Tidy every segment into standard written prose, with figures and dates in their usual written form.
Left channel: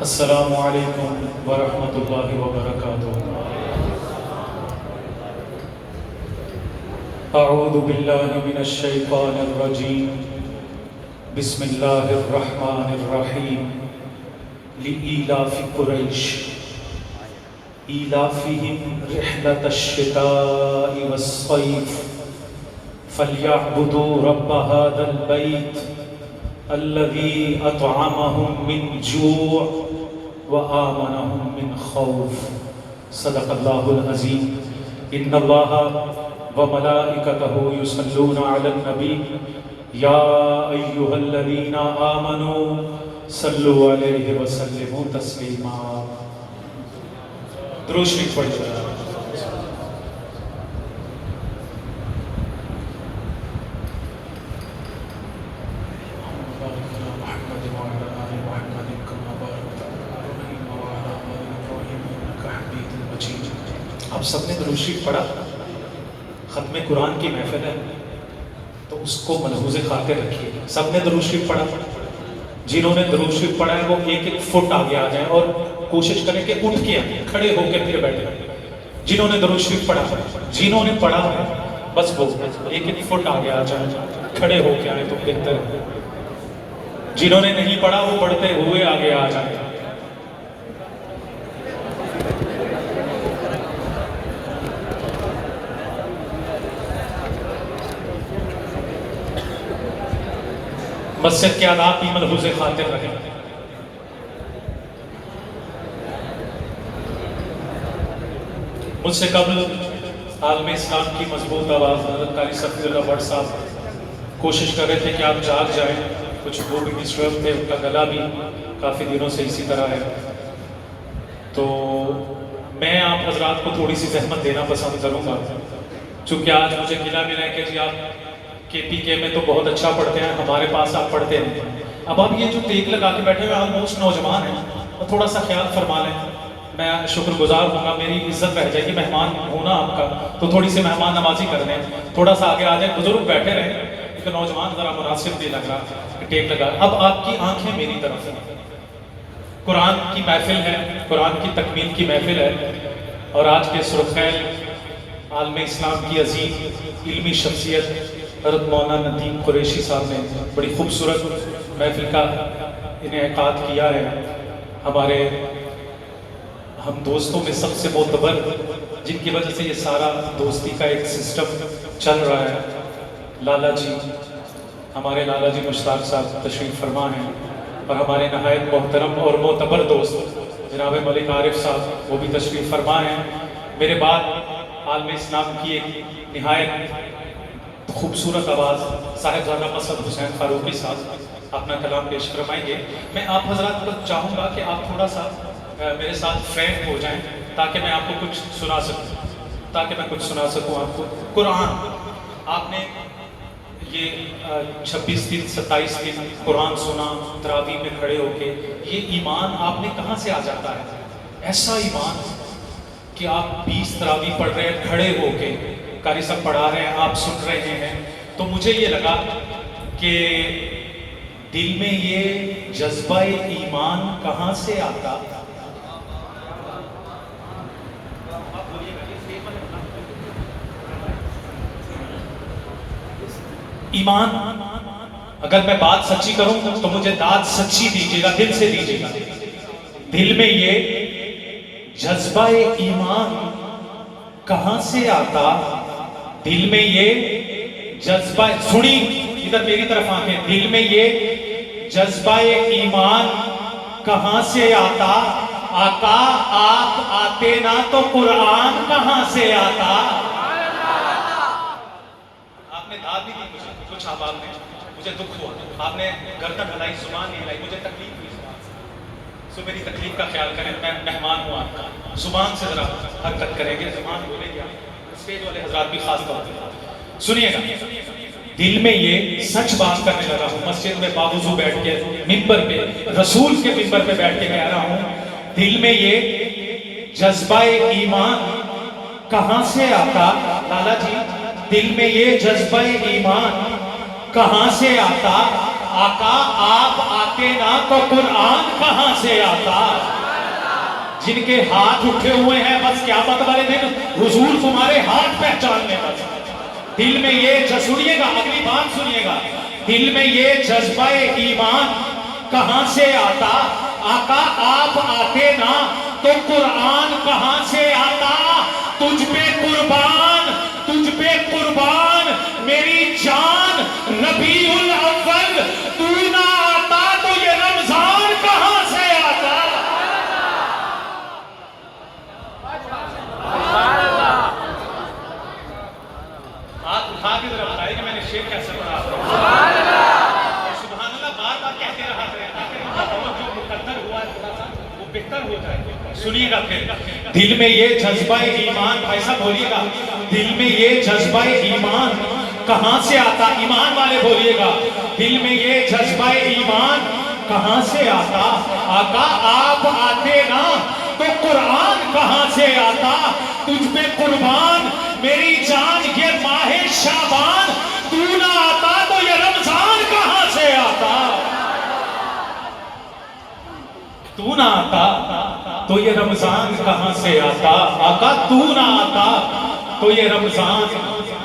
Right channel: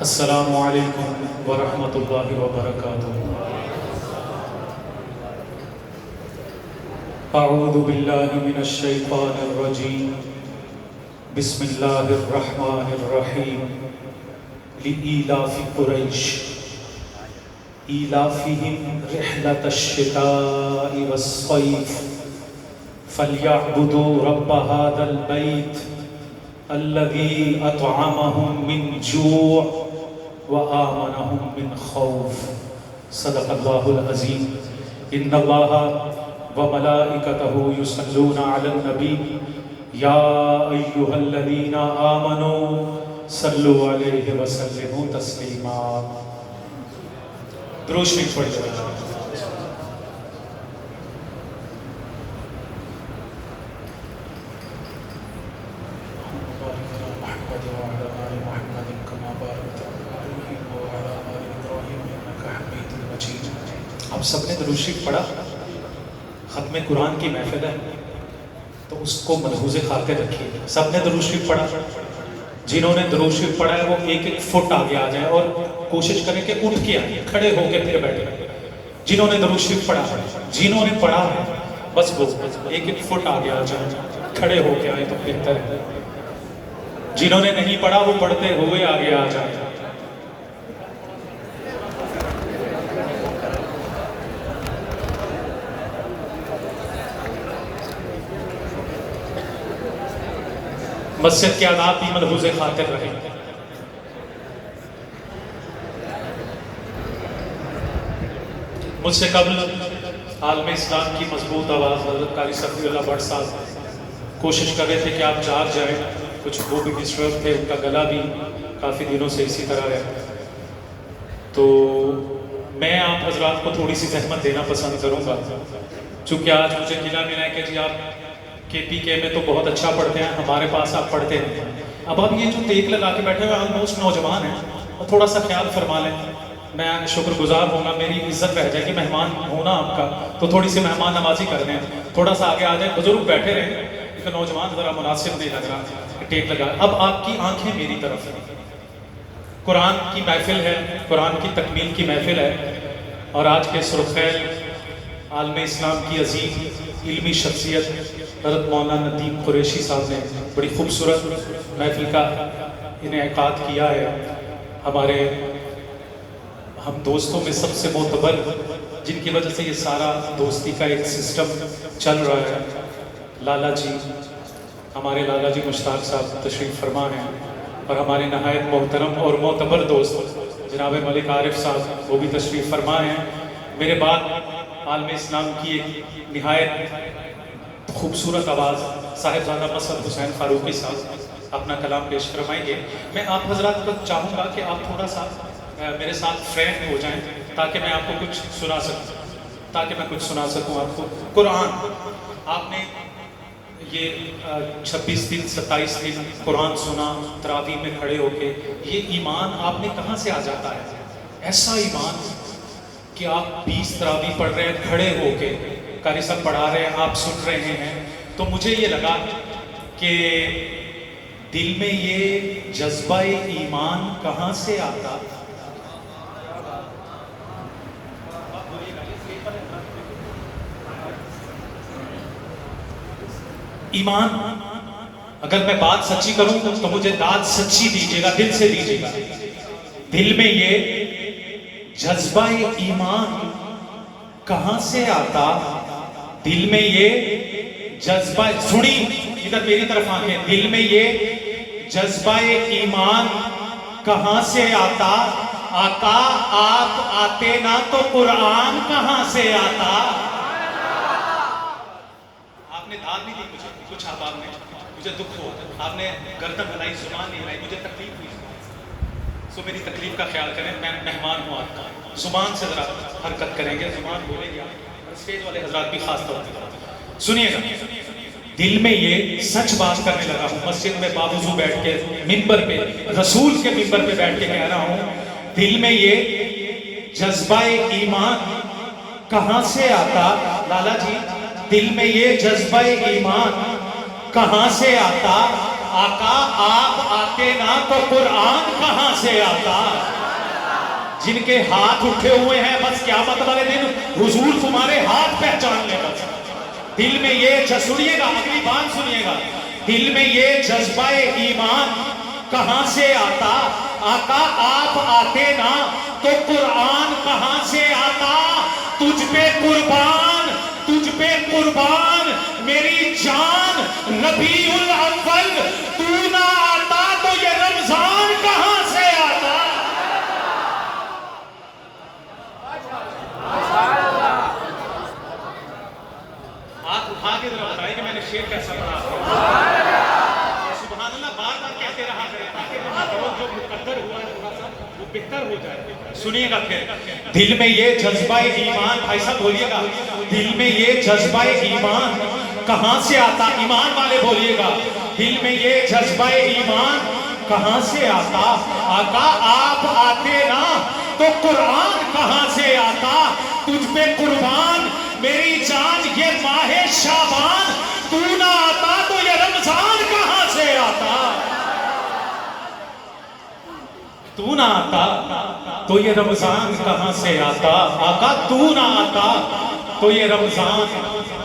السلام علیکم ورحمۃ اللہ وبرکاتہ۔ اعوذ باللہ من الشیطان الرجیم، بسم اللہ الرحمن الرحیم۔ لإیلاف قریش ایلافہم رحلۃ الشتاء والصیف فلیعبدوا رب ھذا البیت الذی اطعمہم من جوع وآمنہم من خوف۔ صدق اللہ العظیم۔ ان اللہ وملائکتہ یصلون علی النبی یا ایہا الذین آمنوا صلوا علیہ وسلموا تسلیما۔ درود شریف پڑھ جائے۔ آپ سب نے درود شریف پڑھا؟ ختم قرآن کی محفل ہے تو اس کو ملحوظ خاطر رکھیے۔ سب نے درود شریف پڑھا؟ جنہوں نے درود شریف پڑھا ہے وہ ایک ایک فٹ آگے آ جائیں اور کوشش کریں کہ اٹھ کے آئیں، کھڑے ہو کے پھر بیٹھیں۔ جنہوں نے درود شریف پڑھا ہے، جنہوں نے پڑھا ہے بس وہ ایک ایک فٹ آگے آ جائیں، کھڑے ہو کے آئیں تو بہتر ہے۔ جنہوں نے نہیں پڑھا وہ پڑھتے ہوئے آگے آ جائیں۔ مسجد کے آداب بھی ملحوظ خاطر رہیں۔ مجھ سے قبل عالم اسلام کی مضبوط آواز حضرت قاری صفی اللہ بٹ صاحب کوشش کر رہے تھے کہ آپ جاگ جائیں، کچھ وہ بھی ڈسٹرب تھے، ان کا گلا بھی کافی دنوں سے اسی طرح ہے، تو میں آپ حضرات کو تھوڑی سی زحمت دینا پسند کروں گا، چونکہ آج مجھے ملا ہے کہ جی آپ KPK میں تو بہت اچھا پڑھتے ہیں، ہمارے پاس آپ پڑھتے ہیں۔ اب آپ یہ جو ٹیک لگا کے بیٹھے ہوئے آلموسٹ نوجوان ہیں، اور تھوڑا سا خیال فرما لیں، میں شکر گزار ہوں گا، میری عزت رہ جائے گی، مہمان ہونا آپ کا تو تھوڑی سی مہمان نوازی کر دیں، تھوڑا سا آگے آ جائیں، بزرگ بیٹھے رہیں، ایک نوجوان ذرا مناسب نہیں لگ رہا کہ ٹیک لگا۔ اب آپ کی آنکھیں میری طرف ہیں، قرآن کی محفل ہے، قرآن کی تکمیل کی محفل ہے، اور آج کے سرخیل عالم اسلام کی عظیم علمی شخصیت حضرت مولانا ندیم قریشی صاحب نے بڑی خوبصورت محفل کا انعقاد کیا ہے۔ ہمارے ہم دوستوں میں سب سے معتبر، جن کی وجہ سے یہ سارا دوستی کا ایک سسٹم چل رہا ہے، لالا جی، ہمارے لالا جی مشتاق صاحب تشریف فرما ہیں، اور ہمارے نہایت محترم اور معتبر دوست جناب ملک عارف صاحب وہ بھی تشریف فرما ہیں۔ میرے بعد عالم اسلام کی ایک نہایت خوبصورت آواز صاحبزادہ مسعد حسین فاروقی صاحب اپنا کلام پیش فرمائیں گے۔ میں آپ حضرات کو چاہوں گا کہ آپ تھوڑا سا میرے ساتھ فرینک ہو جائیں تاکہ میں آپ کو کچھ سنا سکوں آپ کو قرآن۔ آپ نے یہ 26 دن 27 دن قرآن سنا تراویح میں کھڑے ہو کے، یہ ایمان آپ نے کہاں سے آ جاتا ہے؟ ایسا ایمان کہ آپ 20 تراویح پڑھ رہے ہیں کھڑے ہو کے، قاری صاحب پڑھا رہے ہیں، آپ سن رہے ہیں، تو مجھے یہ لگا کہ دل میں یہ جذبہ ایمان کہاں سے آتا؟ ایمان، اگر میں بات سچی کروں تو مجھے داد سچی دیجیے گا، دل سے دیجیے گا۔ دل میں یہ جذبہ ایمان کہاں سے آتا؟ دل میں یہ جذبہ، سنی ادھر میری طرف آنکھیں، دل میں یہ جذبہ ایمان کہاں سے آتا؟ آقا آتے نہ تو قرآن کہاں سے آتا؟ آپ نے داد بھی دی مجھے، کچھ آپ نے مجھے دکھ ہوا، آپ نے گردن ہلائی، زبان نہیں ہلائی، مجھے تکلیف ہوئی، سو میری تکلیف کا خیال کریں، میں مہمان ہوں آپ کا، زبان سے ذرا حرکت کریں گے، زبان بولے گا، اسٹیج والے حضرات بھی خاص طور پر سنیے گا۔ دل میں یہ سچ بات کرنے لگا ہوں، مسجد میں باوضو بیٹھ کے، منبر پہ، رسول کے منبر پہ بیٹھ کے کہہ رہا ہوں، دل میں یہ جذبہ ایمان کہاں سے آتا؟ لالا جی، دل میں یہ جذبہ ایمان کہاں سے آتا؟ آقا آپ آتے نا تو قرآن کہاں سے آتا؟ جن کے ہاتھ اٹھے ہوئے ہیں بس قیامت والے دن حضور تمہارے ہاتھ پہچان لے گا. دل میں یہ سنیے گا، اگلی بات سنیے گا، دل میں یہ جذبہ ایمان کہاں سے آتا؟ آقا آپ آتے نا تو قرآن کہاں سے آتا؟ تجھ پہ قربان، تجھ پہ قربان میری جان ربیع الاول، تو نہ آتا تو یہ رمضان کہاں سے آتا؟ آپ اٹھا کے ذرا بتائیں کہ میں نے شعر کیسا پڑھا. سبحان اللہ بار بار کہتے رہا کریں تاکہ جو مقدر ہوا ہے تھوڑا سا وہ بہتر ہو جائے. سنیے گا پھر، دل میں یہ جذبہ ایمان، ایسا بولیے گا، دل میں یہ جذبہ ایمان کہاں سے آتا؟ ایمان والے بولیے گا، دل میں یہ جذبہ ایمان کہاں سے آتا؟ آقا آپ آتے نا تو قرآن کہاں سے آتا؟ تجھ پہ قربان میری جان یہ ماہ شعبان، تو نہ آتا تو یہ رمضان کہاں سے آتا؟ تو نہ آتا تو یہ رمضان کہاں سے آتا؟ آقا تو نہ آتا تو یہ رمضان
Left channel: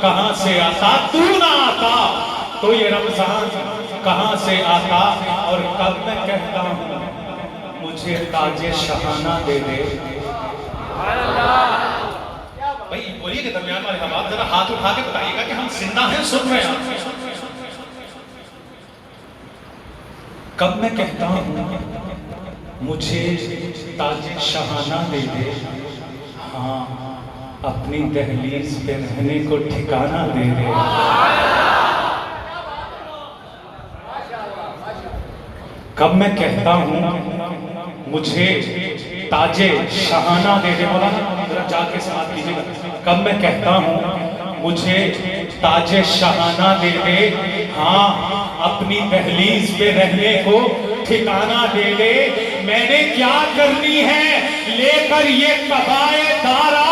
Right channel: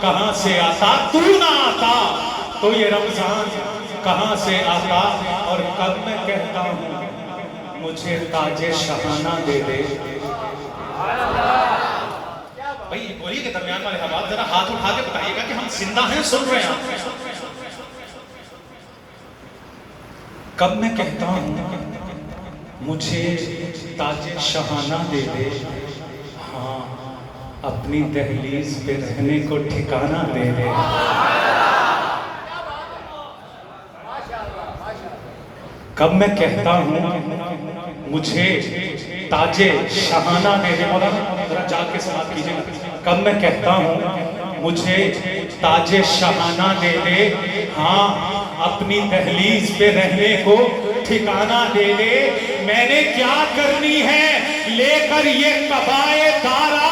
کہاں سے آتا؟ تو نہ آتا تو یہ رمضان کہاں سے آتا؟ اور کب میں کہتا ہوں مجھے تاج شاہانہ دے دے. بھائی بولیے کہ درمیان والے آپ ذرا ہاتھ اٹھا کے بتائیے گا کہ ہم زندہ ہیں، سن رہے ہیں. کب میں کہتا ہوں مجھے تاج شاہانہ دے دے، ہاں اپنی دہلیز پہ رہنے کو ٹھکانہ دے دے. کب میں کہتا ہوں مجھے تاج شاہانہ دے دے، مولانا جا کے سماعت کیجیے گا. کب میں کہتا ہوں مجھے تاج شاہانہ دے دے، ہاں اپنی دہلیز پہ رہنے کو ٹھکانہ دے دے. میں نے کیا کرنی ہے لے کر یہ قبائے دارا،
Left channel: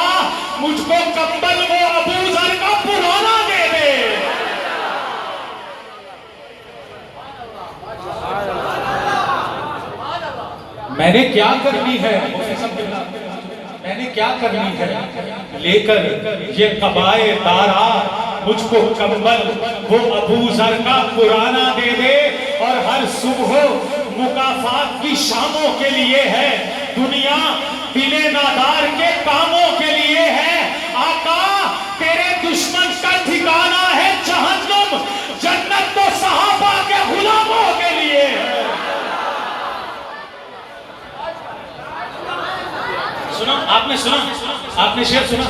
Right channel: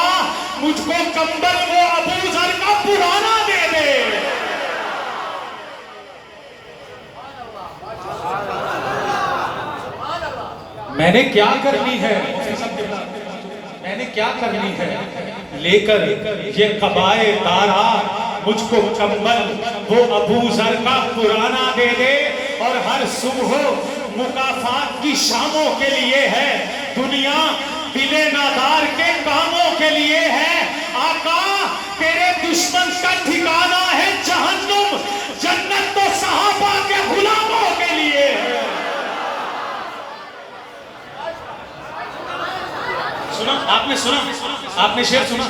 مجھ کو کمبل وہ ابو ذر کا پرانا دے دے. میں نے کیا کرنی ہے، میں نے کیا کرنی ہے لے کر یہ قبائے دارا، مجھ کو کمبل وہ ابو ذر کا پرانا دے دے. اور ہر صبح مکافات کی شاموں کے لیے ہے، دنیا دل نادار کے کاموں کے لیے ہے. آقا تیرے دشمن کا ٹھکانہ ہے جہنم، جنت تو صحابہ کے غلاموں کے لیے ہے. سنا آپ نے، سنا آپ نے شعر سنا؟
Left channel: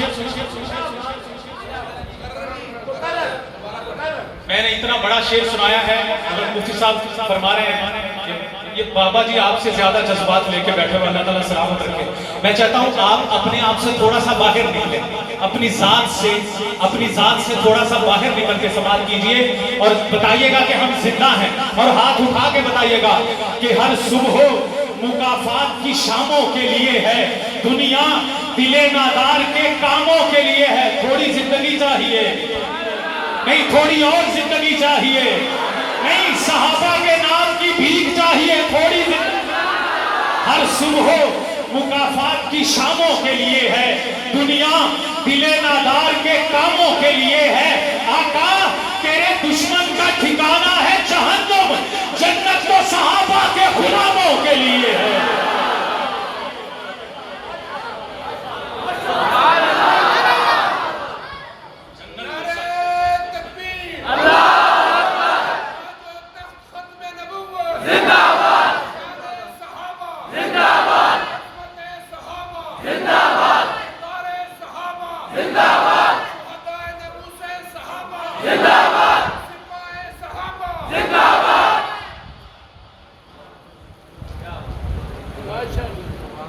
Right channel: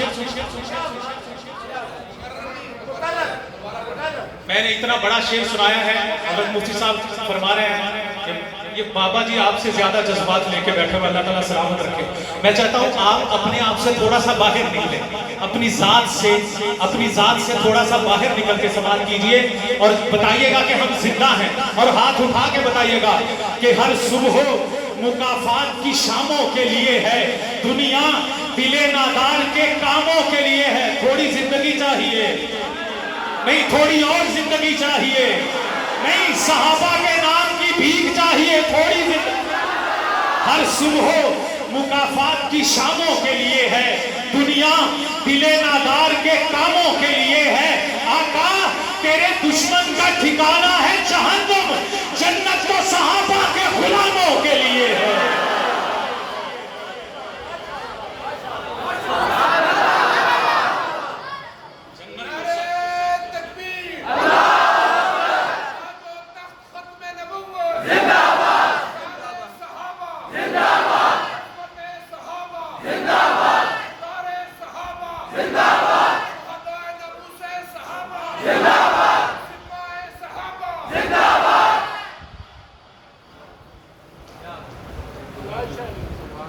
میں نے اتنا بڑا شعر سنایا ہے، حضرت مفتی صاحب فرما رہے ہیں یہ بابا جی آپ سے زیادہ جذبات لے کے بیٹھے ہوئے، اللہ تعالیٰ سلامت رکھے. میں چاہتا ہوں آپ اپنے آپ سے تھوڑا سا باہر نکلیں، اپنی ذات سے تھوڑا سا باہر نکل کے سماعت کیجئے اور بتائیے گا کہ ہم زندہ ہیں، اور ہاتھ اٹھا کے بتائیے گا کہ ہر صبح مکافات کی شاموں کے لیے ہے، دنیا دل نادار کے کاموں کے لیے ہے. تھوڑی زندگی چاہیے نہیں، تھوڑی اور زندگی چاہیے نہیں، صحابہ کے نام کی بھیک چاہیے تھوڑی زندگی. ہر صبح مکافات کی شاموں کے لیے ہے، دنیا دل نادار کے کاموں کے لیے ہے. آقا تیرے دشمن کا ٹھکانہ ہے جہنم، جنت تو صحابہ کے غلاموں کے لیے ہے.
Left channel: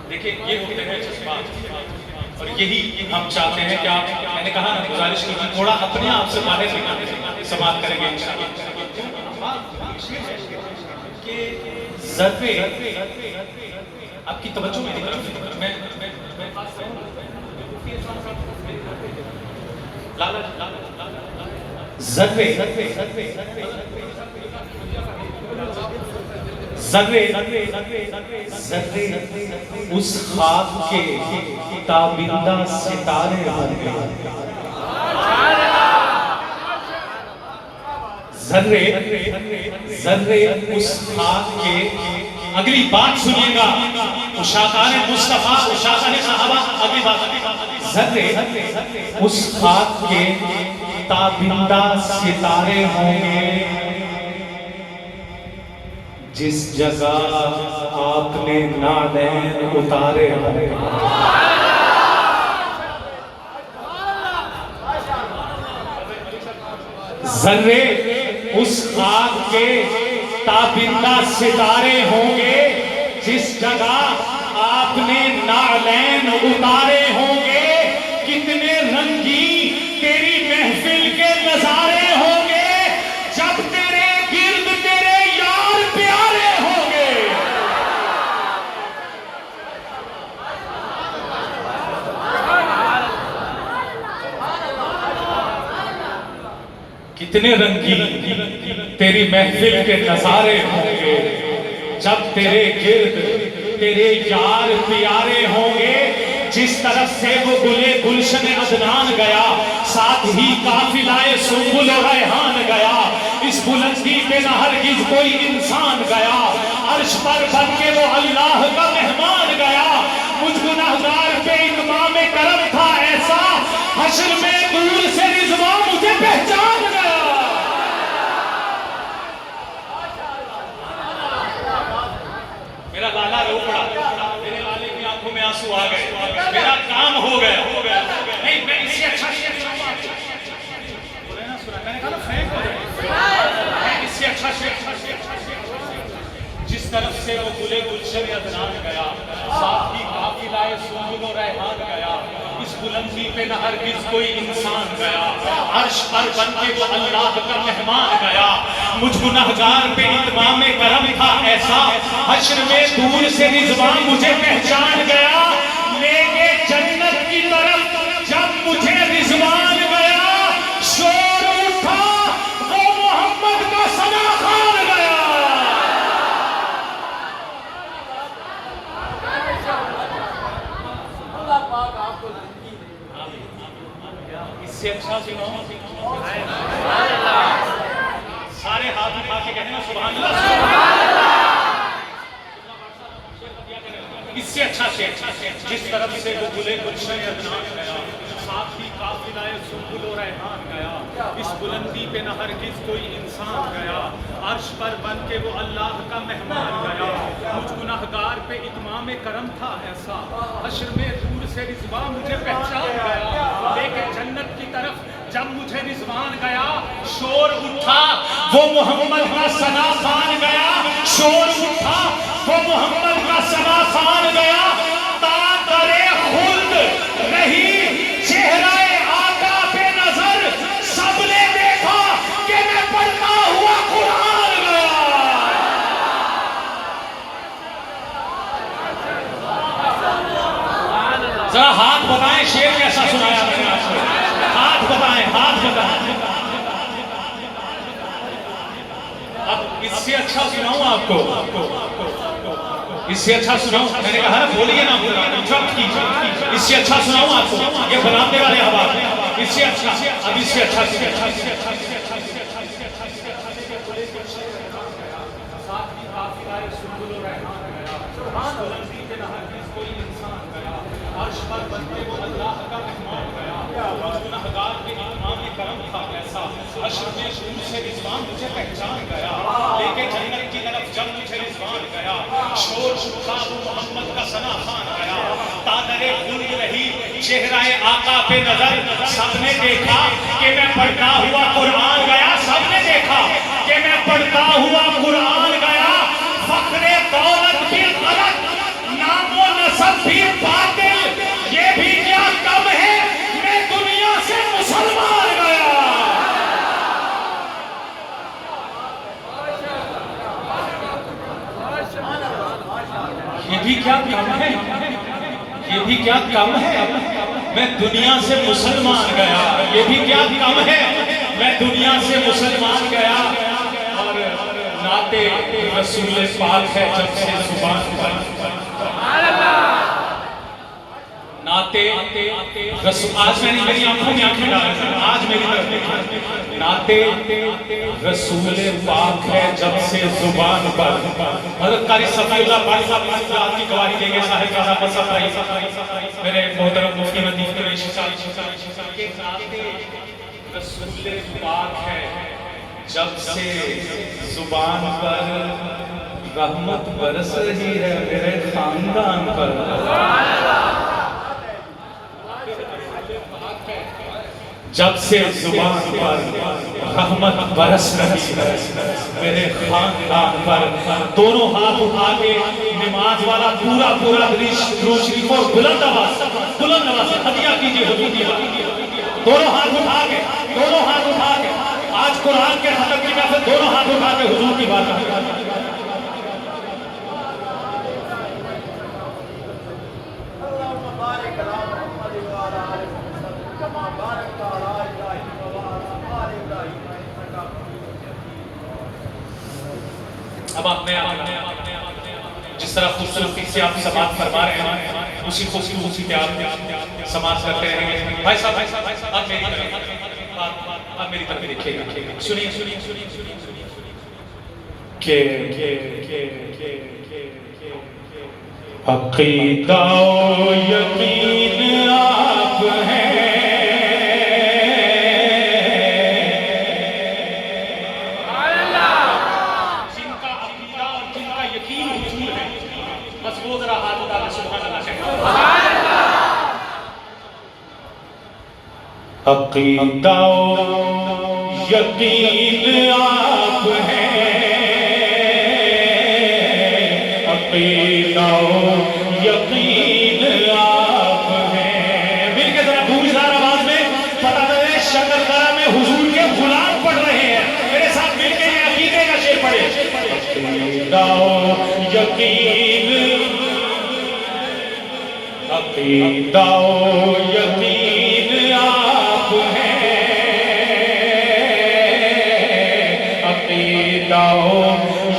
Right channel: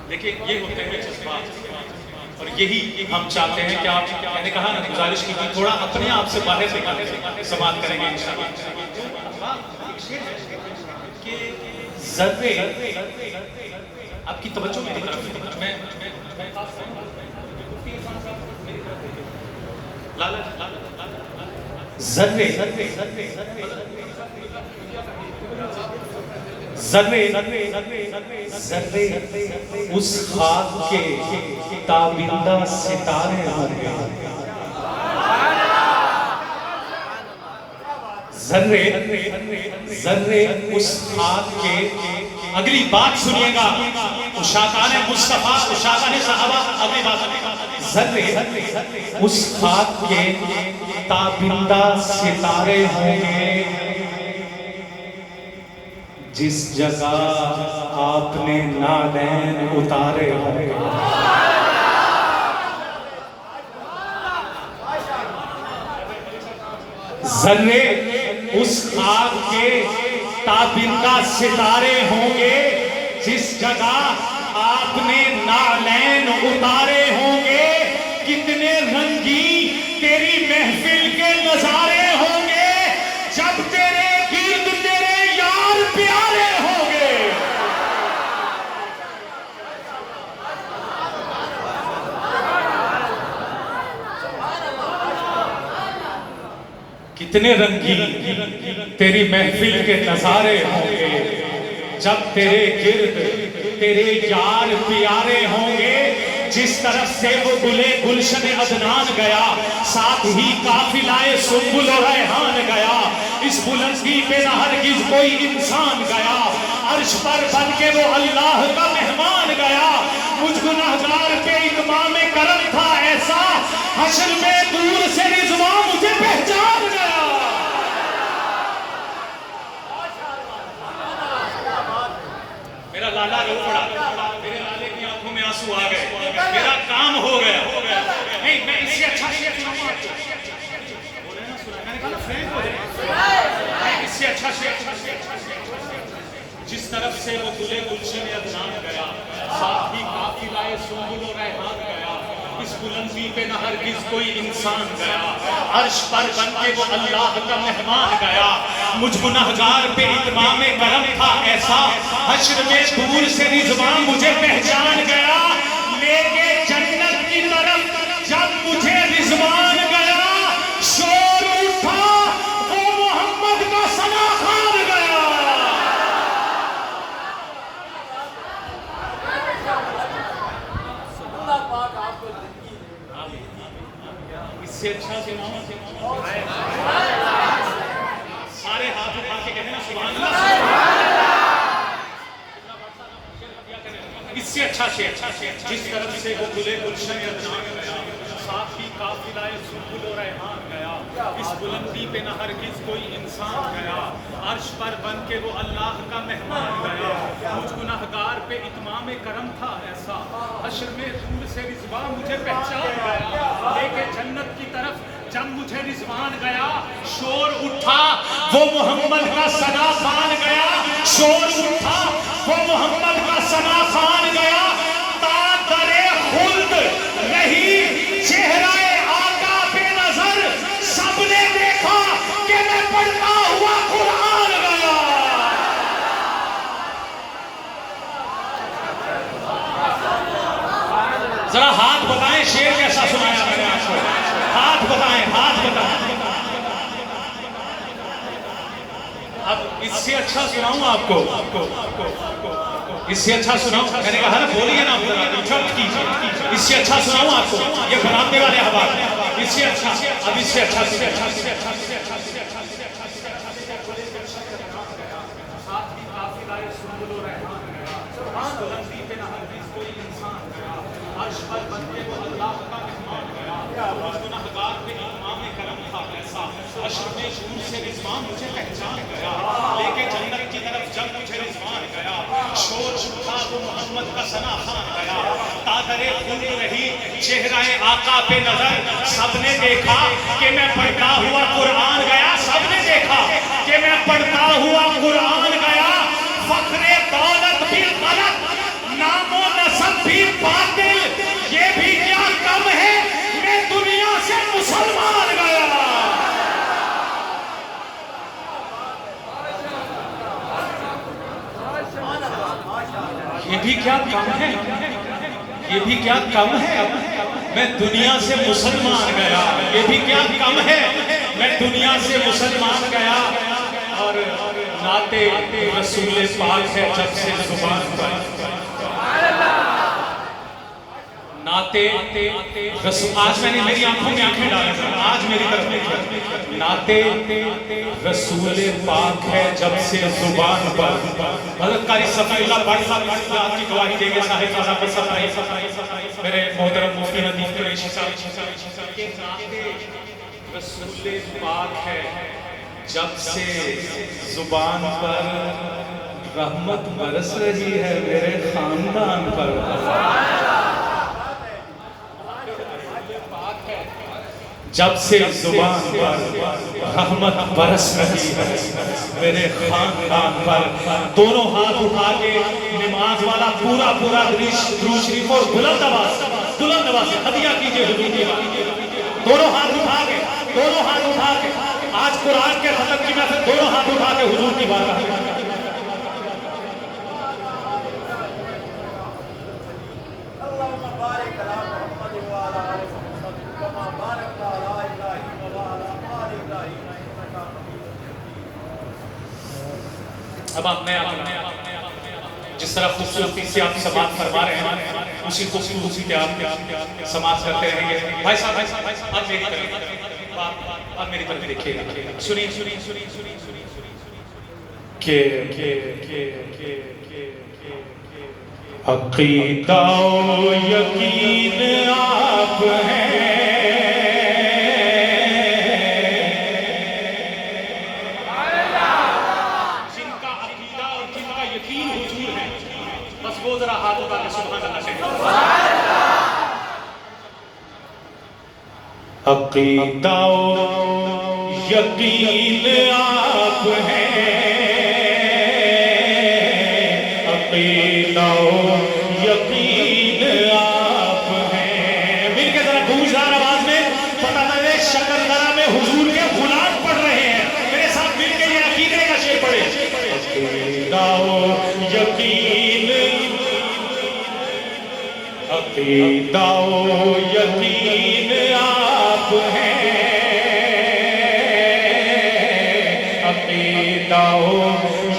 دیکھیں یہ ہوتے ہیں جذبات، اور یہی ہم چاہتے ہیں کہ آپ، میں نے کہا نا گزارش کی تھوڑا اپنے آپ سے باہر نکالیں، سماعت کریں گے کہ ضربے آپ کی توجہ میں ضربے ذرے ذرے اس خاک کے تابندہ ستارے ہوں گے، ذرے ذرے اس خاک کے، اگلی بات سنیے گا، اشاقان مصطفیٰ اشاقان صحابہ، اگلی بات ذرے اس خاک کے تابندہ ستارے ہوں گے جس جگہ آپ نے نالین اتارے ہوں گے۔ ذرے اس خاک کے تابندہ ستارے ہوں گے جس جگہ آپ نے نالین اتارے ہوں گے، کتنے رنگین تیری محفل کے نظارے ہوں گے جب تیرے گرد تیرے یار پیارے ہوں گے۔ کتنے رنگین تیری محفل کے نظارے ہوں گے جب تیرے گرد تیرے یار پیارے ہوں گے۔ جس طرف سے وہ گلے گلشن عدنان گیا، ساتھ ہی قافلہ سنبل و ریحان گیا، اس بلندی پہ نہ ہرگز کوئی انسان گیا، عرش پر بن کے وہ اللہ کا مہمان گیا۔ مجھ گنہگار پہ اتمام کرم تھا ایسا، حشر میں دور سے رضوان مجھے پہچان گیا۔ میرا لالا رو پڑا، میرے لالے کی آنکھوں میں آنسو آ گئے، میرا کام ہو گیا۔ نہیں، میں اس سے اچھا شیئر سناؤں گا آپ کو، بولے نا سنا، میں نے کہا نا فرینک ہو جائے، میں اس سے اچھا شیئر جس طرف سے وہ گلے گلشن عدنان گیا، ساتھ ہی قافلہ سنبل و ریحان گیا، اس بلندی پہ نہ ہرگز کوئی انسان گیا، عرش پر بن کے وہ اللہ کا مہمان گیا۔ مجھ گنہگار پہ اتمام کرم تھا ایسا، حشر میں دور سے رضوان مجھے پہچان گیا۔ لے کے جنت کی طرف جب مجھے رضوان گیا، شور اٹھا وہ محمد کا ثنا خوان گیا۔ اس سے اچھا سناؤں، سارے ہاتھ اٹھا کے کہنا سبحان اللہ۔ اس سے اچھا شعر جس طرف سے وہ گلے گلشن عدنان گیا، ساتھ ہی قافلہ سنبل و ریحان گیا، اس بلندی پہ نہ ہرگز کوئی انسان گیا، عرش پر بن کے وہ اللہ کا مہمان گیا۔ مجھ گنہگار پہ اتمام کرم تھا ایسا، حشر میں دور سے رضوان مجھے پہچان گیا۔ لے کے جنت کی طرف جب مجھے رضوان گیا، شور اٹھا وہ محمد کا ثنا خوان گیا، شور اٹھا وہ محمد کا ثنا خوان گیا۔ تا درے خلد رہی چہرہ آقا پہ نظر، سب نے دیکھا کہ میں پڑھتا ہوا قرآن گیا۔ ذرا ہاتھ بتائیں شعر کیسا سنایا میں نے آپ کو، ہاتھ بتائیں، ہاتھ بتائیں۔ اب اس سے اچھا سناؤں آپ کو، اس سے اچھا سناؤں، میں نے کہا ہے بولیے نا، انٹرپٹ کیجیے، اس سے اچھا سناؤں آپ کو، یہ بنانے والے حوالے، اس سے اچھا، اب اس سے اچھا عرش پر بن کے وہ اللہ کا مہمان گیا، مجھ گنہگار پہ اتمام کرم تھا ایسا، حشر میں دور سے رضوان مجھے پہچان گیا۔ لے کے جنت کی طرف جب مجھے رضوان گیا، شور اٹھا وہ محمد کا ثنا خوان گیا۔ تادر خون رہی چہرہ آقا پہ نظر، سب نے دیکھا کہ میں پڑھتا ہوا قرآن گیا، سب نے دیکھا کہ میں پڑھتا ہوا قرآن گیا۔ فخر دولت بھی غلط، نام و نسب بھی باطل، یہ بھی کیا کم ہے میں دنیا سے مسلمان گیا۔ یہ بھی کیا کم ہے، یہ بھی کیا کم ہے میں دنیا سے مسلمان گیا، یہ بھی کیا کم ہے میں دنیا سے مسلمان گیا۔ اور رسول پاک ہے جب سے زبان پر نعتے رسول. آج میں نے میری آنکھوں میں آنکھیں ڈالیں ہیں, آج میری طرف دیکھیں. نعتے رسول پاک ہے جب سے زبان پر. حضرت قاری صفی اللہ بھائی صاحب آپ کی گواہی دیں گے. صاحب صاحب صفائی میرے محترم مفتی ندیم قریشی صاحب کہ نعتے رسول پاک ہے جب سے زبان پر رحمت برس رہی ہے میرے خاندان پر. جب سے زبان پر رحمت برس رہی ہے میرے خاندان پر. دونوں ہاتھ اٹھا کے نماز والا پورا درود شریف کو بلند آواز سے تبیہ کیجئے حضور کی بات. دونوں ہاتھ اٹھا کے آج قرآن کے ختم کی محفل دونوں ہاتھ اٹھا کے حضور کی بات. اب آپ میں جس طرح خوبصورتی سے آپ سماعت فرما رہے ہیں اسی خوبصورتی پہ آپ سماعت کرتے رہیں گے. بھائی صاحب آپ میری طرف دیکھیے, سنیے عقیدہ و یقین آپ ہیں عقیدہ و یقین آپ ہیں. عقیدہ و یقین آپ ہیں. مل کے ذرا گونجدار آواز میں پتہ میرے شکردرہ میں حضور کے غلام پڑھ رہے ہیں. میرے ساتھ مل کے یہ عقیدے کا شعر پڑھے. عقیدہ و یقین, عقیدہ و یقین آپ ہیں. عقیدہ و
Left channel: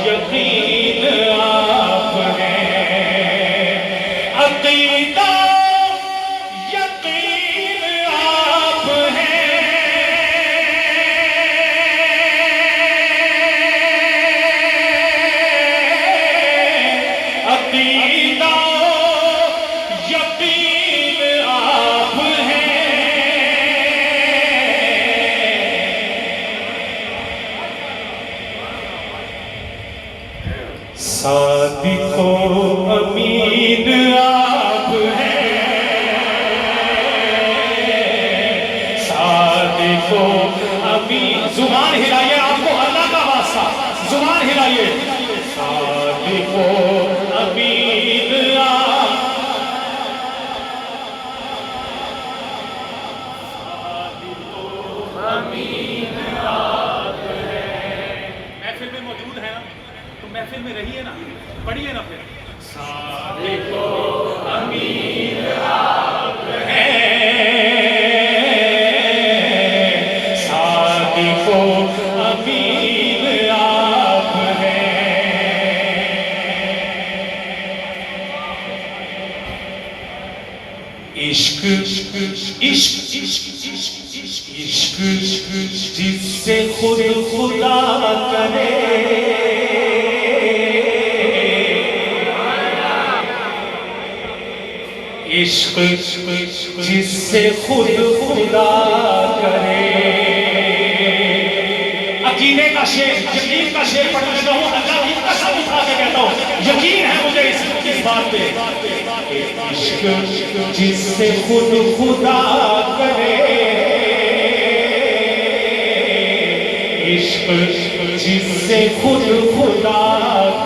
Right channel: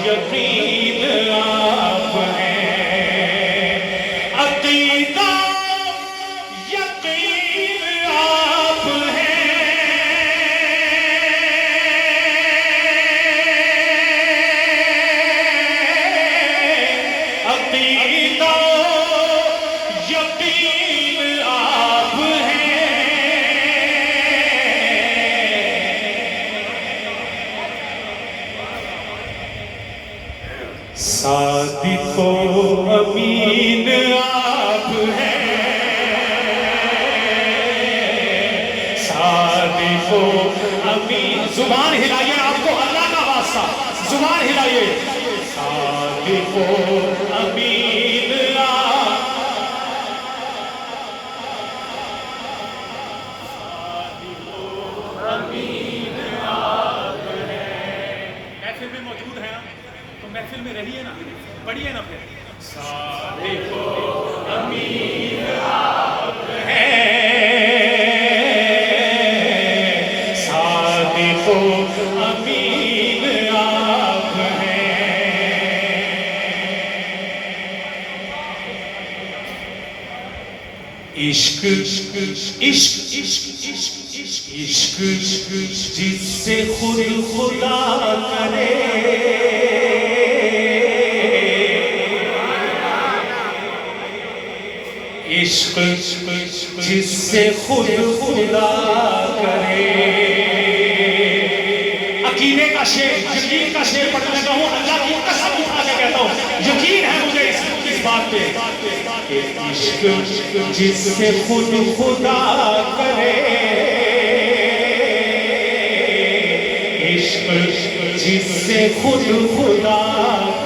یقین آپ ہیں. عقیدہ یقین آپ ہیں. عقیدہ یقین آپ ہیں. صادق و امین آپ ہیں. صادق و امین. زبان ہلائیے, آپ کو اللہ کا واسطہ زبان ہلائیے. صادق و امین آپ, صادق و امین آپ ہیں. محفل میں موجود ہیں نا تو محفل میں رہیے نا, پڑھیے نا پھر. صادق و امین آپ ہیں. صادق و امین آپ ہیں. عشق عشق عشق جس سے خود خدا کرے. عشق جس سے خود خدا کرے. عقیدے کا شعر, یقین کا شعر پڑھنے لگا ہوں. اللہ کی قسم اٹھا کے کہتا ہوں, یقین ہے مجھے اس بات پہ. عشق جس سے خود خدا کرے. عشق جس سے خود خدا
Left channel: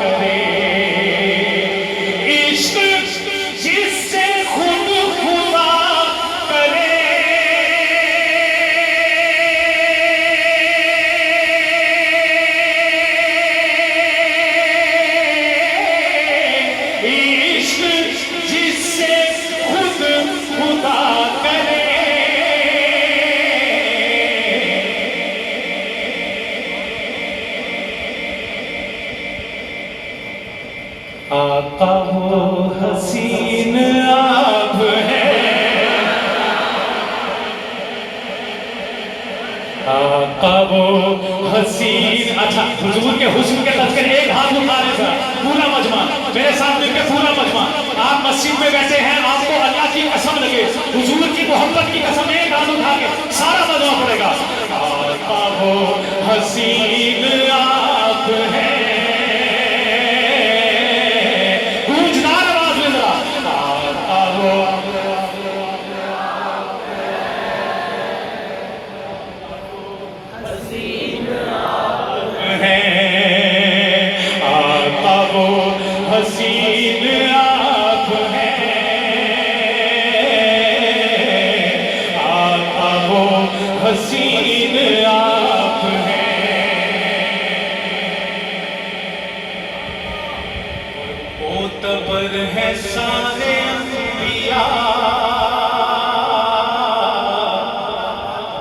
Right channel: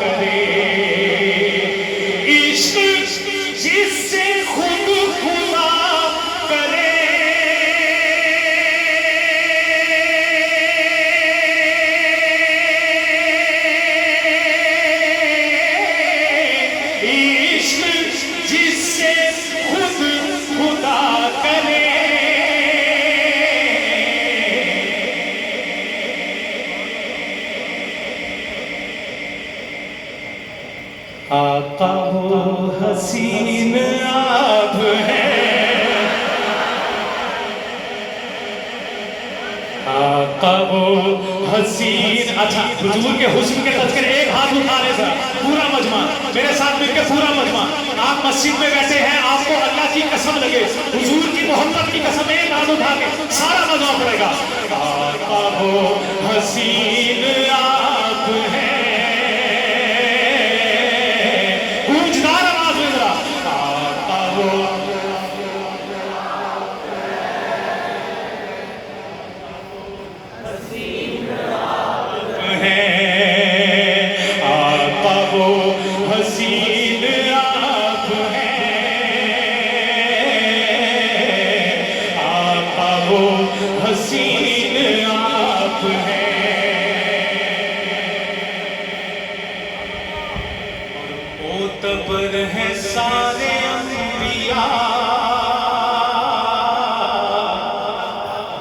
کرے. آقا وہ حسین آپ ہیں، آقا وہ حسین. اچھا حضور کے حسن کے تذکرے ایک ہاتھ اٹھارے سر پورا مجمع میرے ساتھ مل کے پورا مجمع. آپ مسجد میں بیٹھے ہیں، آپ کو اللہ کی قسم لگے، حضور کی محبت کی قسم، ایک ہاتھ اٹھا کے سارا مجمع پڑے گا. آقا وہ حسین آپ ہیں،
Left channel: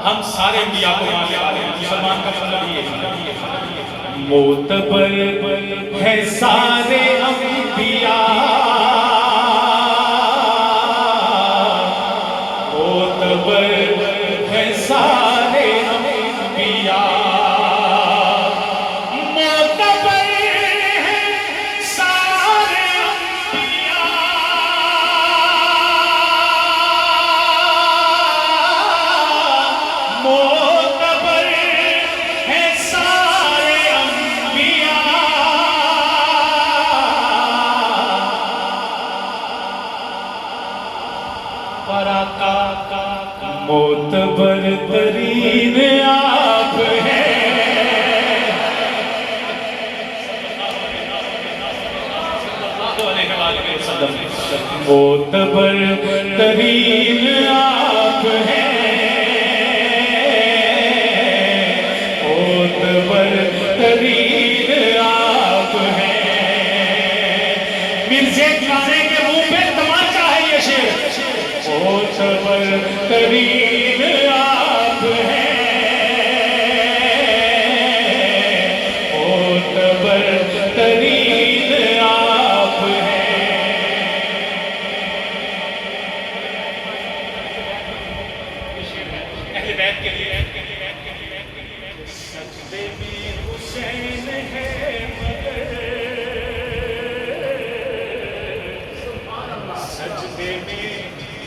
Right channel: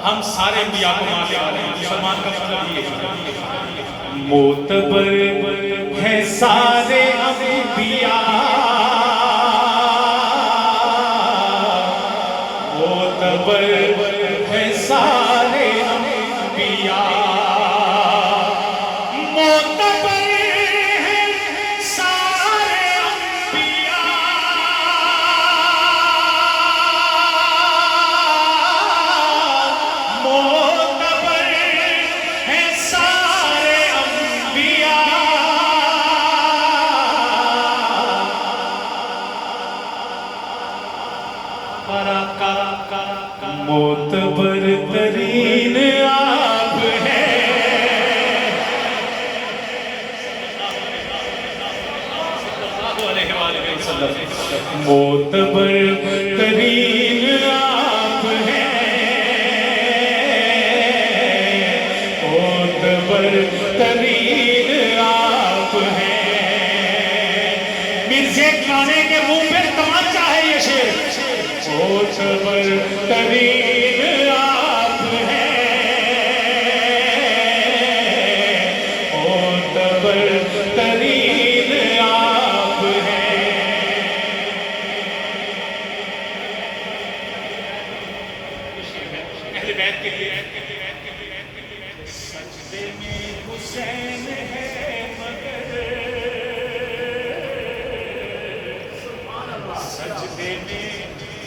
ہم سارے انبیاء کو ماننے والے ہیں. مسلمان کا مطلب یہ ہے معتبر ہے سارے انبیاء، معتبر ہے سارے انبیاء، معتبر ہے سارے انبیاء، معتبر ہے سارے انبیاء. معتبر ترین آپ ہیں، معتبر ترین آپ ہیں، معتبر ترین آپ ہیں. مرزے گانے کے منہ پہ تمانچہ ہے یہ شعر. معتبر ترین آپ ہیں، معتبر ترین آپ ہیں. اہل بیت کے لیے سجدے میں حسین ہے مگر، سجدے میں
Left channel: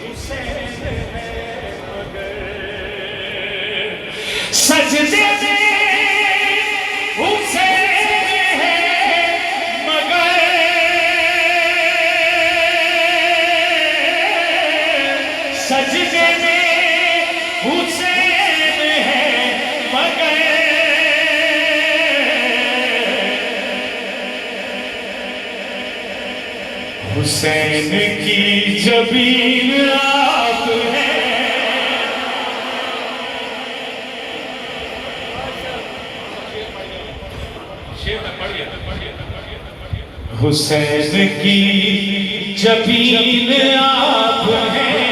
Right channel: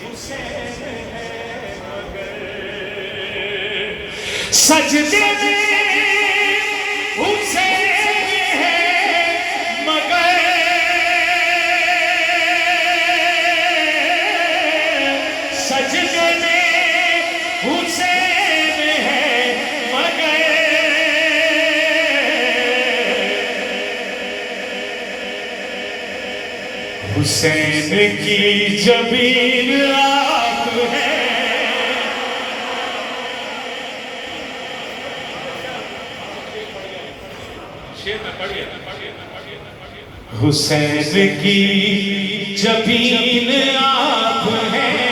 حسین ہے مگر، سجدے میں حسین ہے مگر، سجدے میں حسین ہے مگر، حسین کی جبین آپ ہیں. حسین کی جبین آپ ہیں،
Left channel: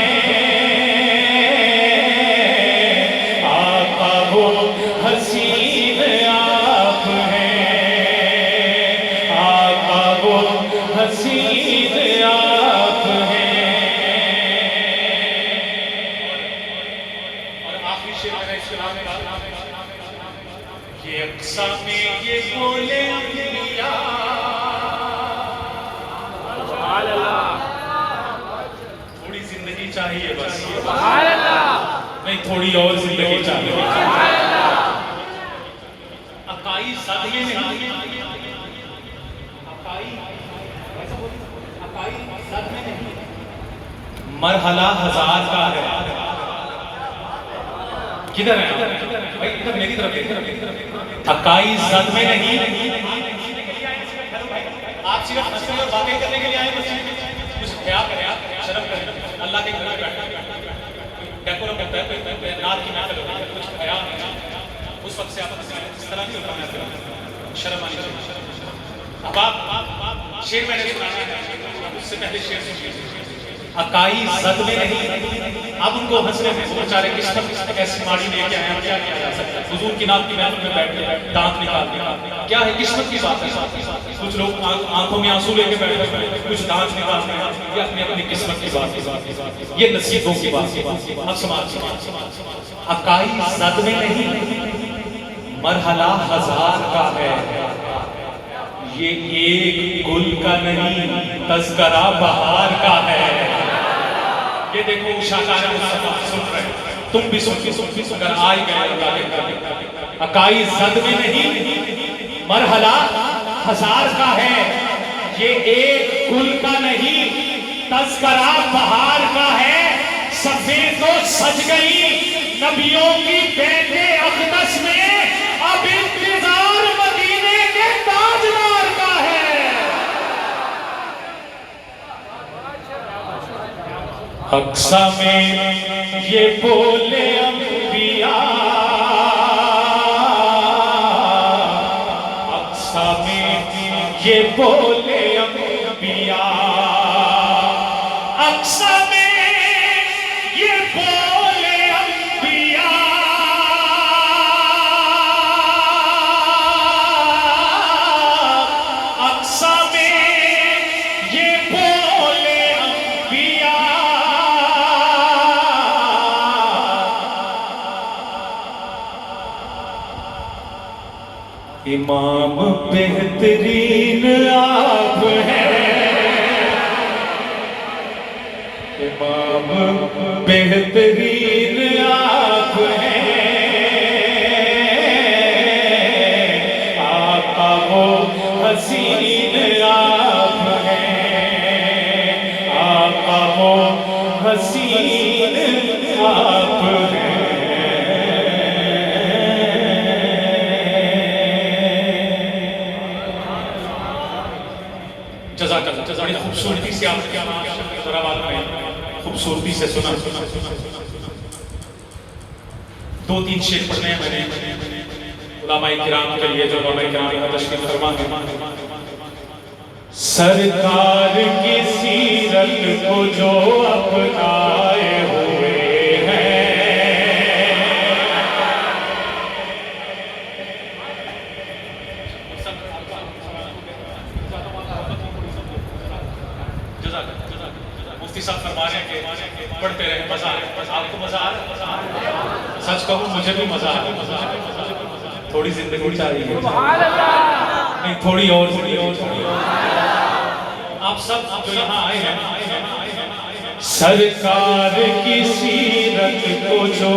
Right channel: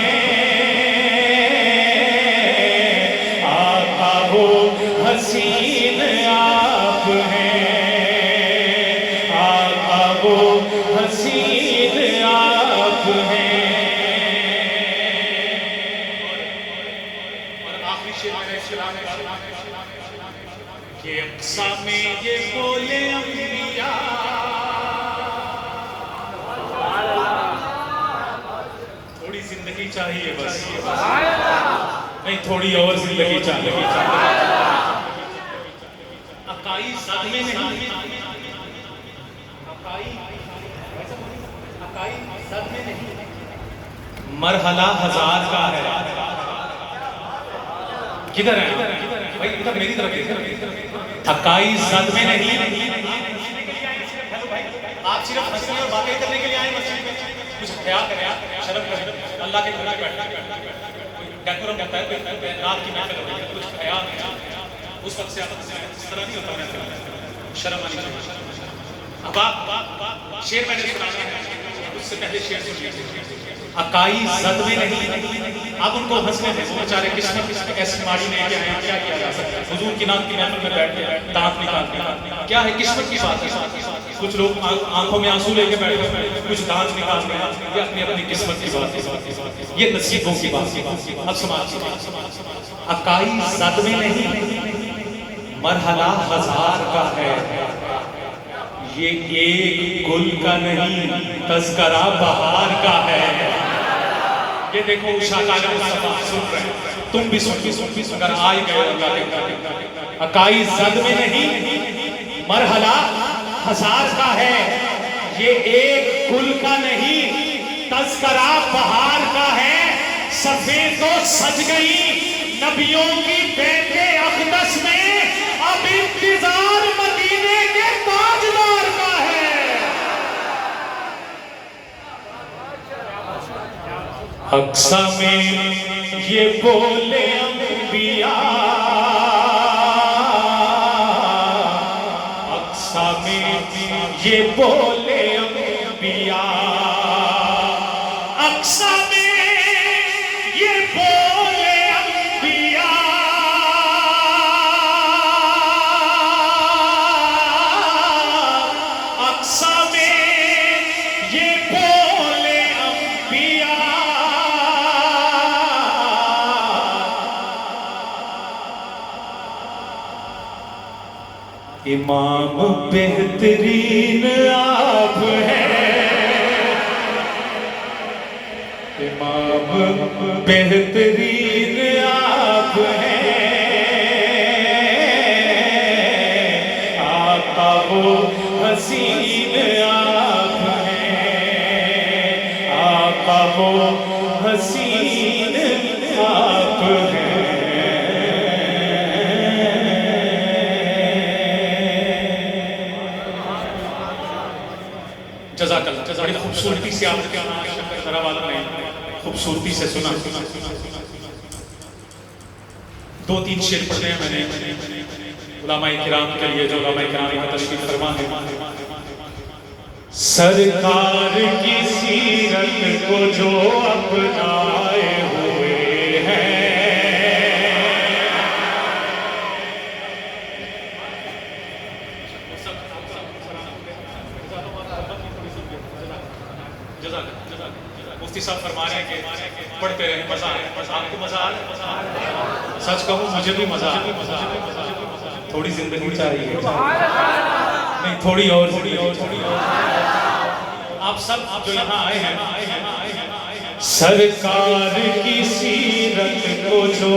آقا وہ حسین آپ ہیں، آقا وہ حسین آپ ہیں. اور آخری شعر میرا اسلام کہ اقصا میں یہ بولے انبیاء، تھوڑی زندگی چاہیے بس، نہیں تھوڑی اور زندگی چاہیے. عقائی صدمے نہیں، عقائی صدمے نہیں، مرحلہ ہزار کا ہے. کدھر ہے بھائی؟ ادھر میری طرف دیکھیں. عقائی صدمے نہیں. آپ صرف ہنسنے اور باتیں کرنے کے لیے آئے مسجد میں؟ کچھ خیال کریں، شرم کریں. اللہ کے گھر میں بیٹھے ڈیکورم ہوتا ہے، نعت کی محفل ہوتی ہے، کچھ خیال نہیں. اس وقت سے آپ اس طرح نہیں ہوتا محفل، شرم آنی چاہیے. اب آپ شعر میں نے سنایا ہے، اس سے پہلے شعر سنیے. عقائی صدمے نہیں، اب ان کو ہنسنے دیں. بیچارے قسمت ایسی ماڑی لے کے آئے، کیا کیا جا سکتا ہے؟ حضور کی نام کی محفل میں بیٹھ کے دانت نکالنے کا کیا ہے؟ قسمت کی بات ہے. کچھ لوگ آنکھوں میں آنسو لے کے بیٹھے ہیں، کچھ ڈانس نکال رہے ہیں، یہ اپنی اپنی قسمت کی بات ہے، یہ نصیبوں کی بات ہے۔ اب سماجی اکائی زد میں نہیں، مرحلہ ہزار کا ہے، یہ ایک گل کا نہیں، تذکرہ بہار کا ہے۔ یہ دیکھو شاہکار مصطفیٰ سن رہے ہیں، تم بھی سن اگر آئی گئے اکائی زد میں نہیں، مرحلہ ہزار کا ہے، یہ ایک گل کا نہیں، تذکرہ بہار کا ہے۔ سفید تو سج گئی نبیوں کی بیت اقدس میں، اب انتظار مدینے کے تاجدار کا ہے۔ اقصی میں یہ بولے انبیاء، اقصی میں یہ بولے انبیاء، اقصی میں یہ بولے انبیاء، اقصی میں یہ بولے انبیاء، امام بہترین آپ ہیں، امام بہترین آپ ہیں، آقا و حسین آپ ہیں، آقا و حسین آپ ہیں۔ جزاک اللہ، بڑی خوبصورتی سے آپ کے ذراوات میں خوبصورتی سے سنا۔ دو تین شعر پڑھنے ہیں میں نے علماء کرام کے لیے، جو علماء کرام کا تشریف فرما ہے۔ سرکار کی سیرت کو جو اپنائے ہوئے ہیں، مفتی صاحب فرما رہے ہیں کہ پڑھتے رہے، مزہ آئے۔ آپ کو مزہ آئے؟ سچ کہوں مجھے بھی مزہ آئے۔ تھوڑی زندگی چاہیے، نہیں تھوڑی اور آپ سب جو یہاں آئے ہیں، سرکار کی سیرت کو جو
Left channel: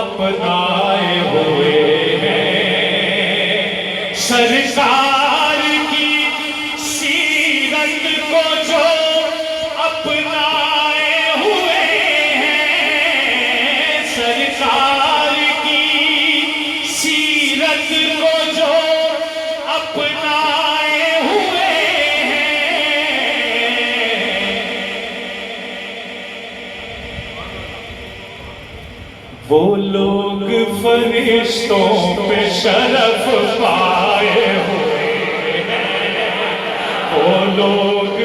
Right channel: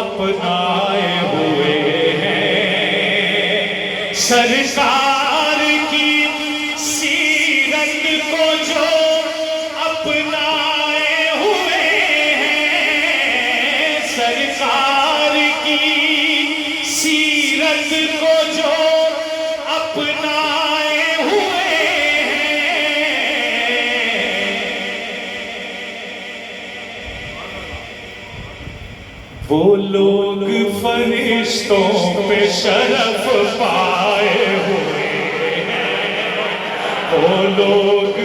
اپنائے ہوئے ہیں، سرکار کی سیرت کو جو اپنائے ہوئے ہیں، سرکار کی سیرت کو جو اپنائے ہوئے ہیں، وہ لوگ فرشتوں پہ شرف پائے ہوئے ہیں، وہ لوگ